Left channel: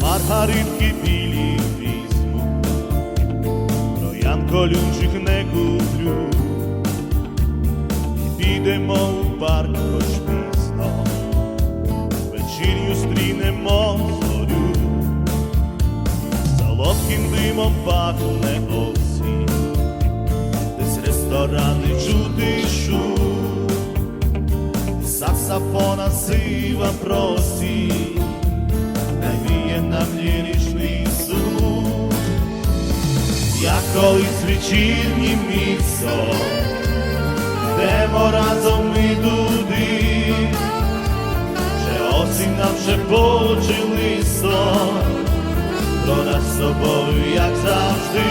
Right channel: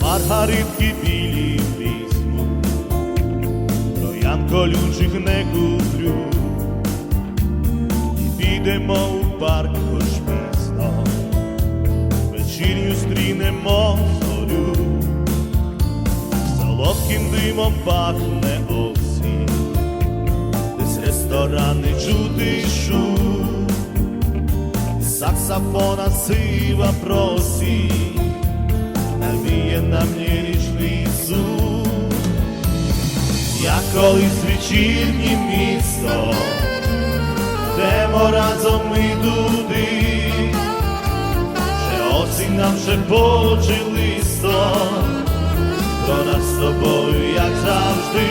маргаритки білі візьму, троян колючих не куплю, і підемо у парк хоч пізно, вечірню стрінемо зорю, солодким димом пахне осінь, десь ресторани чути шум, саксофона сива просить навіє нам ліричний суд, як колись вечірнє місто, йдемо разом ми туди, ще осінь нам шепоче листо, про нас з тобою, як завжди,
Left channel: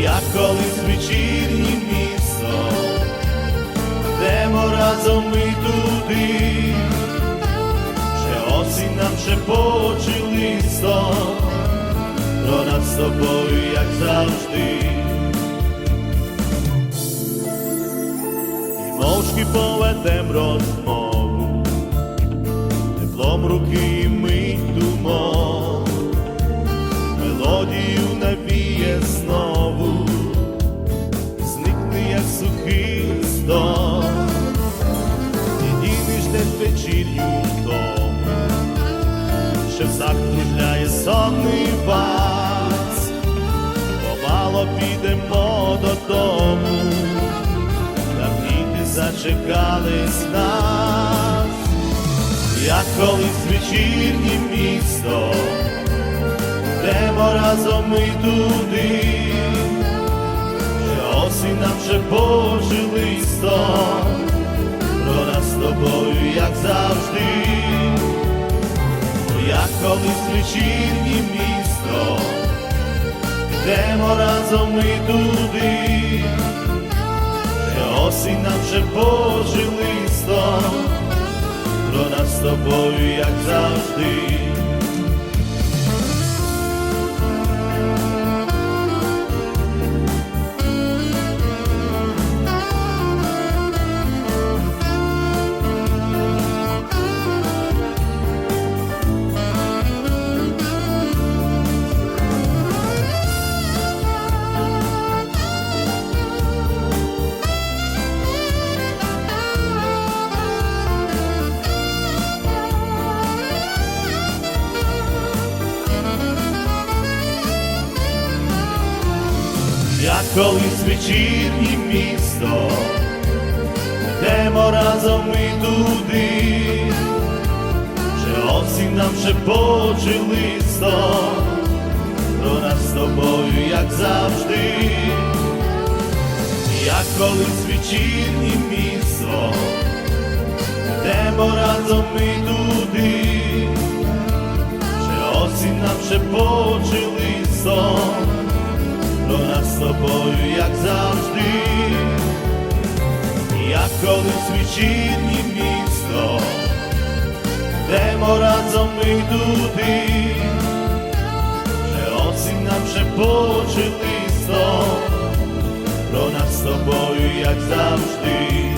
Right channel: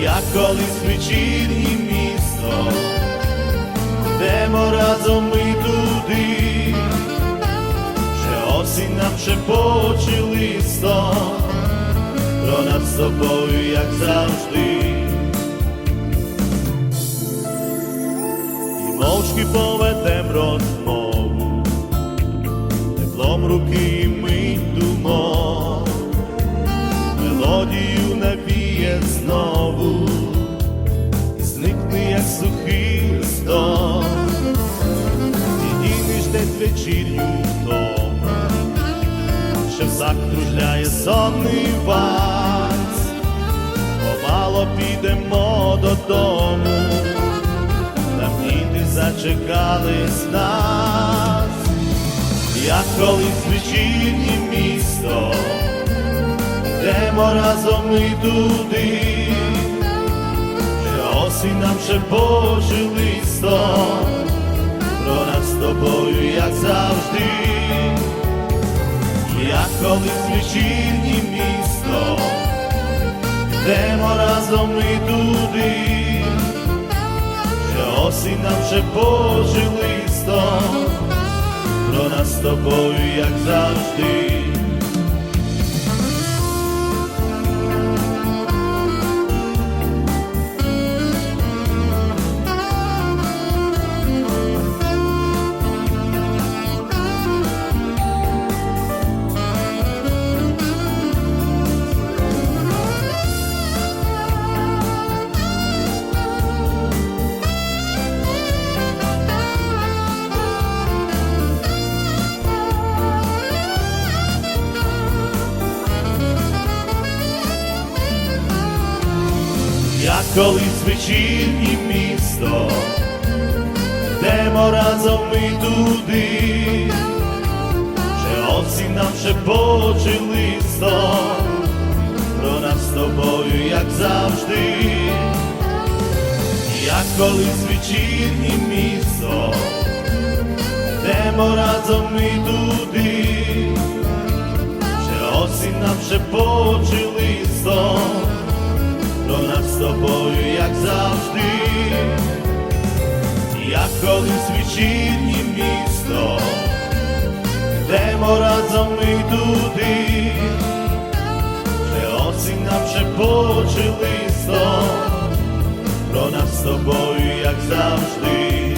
як колись вечірнє місто, йдемо разом ми туди. Осінь нам шепоче листо, про нас з тобою, як завжди. І мовчки поведем розмову, теплом руки ми думок, мелодію навіє знову, і зникне, як сухий листок. І дінеш десь вечірню втому, що всак кружляє сонний вас, помало підемо додому, там діти зачекались нас, як колись вечірнє місто, йдемо разом ми туди, що осінь нам шепоче листом, про нас з тобою, як завжди, як колись вечірнє місто, йдемо разом ми туди, що осінь нам шепоче листом, про нас з тобою, як завжди. Як колись вечірнє місто, йдемо разом ми туди, вже осінь нам шепоче листом, про нас з тобою, як завжди, як колись вечірнє місто, йдемо разом ми туди, вже осінь нам шепоче листом про нас з тобою, як завжди, як колись вечірнє місто, йдемо разом ми туди, вже осінь нам шепоче листом, про нас з тобою, як завжди.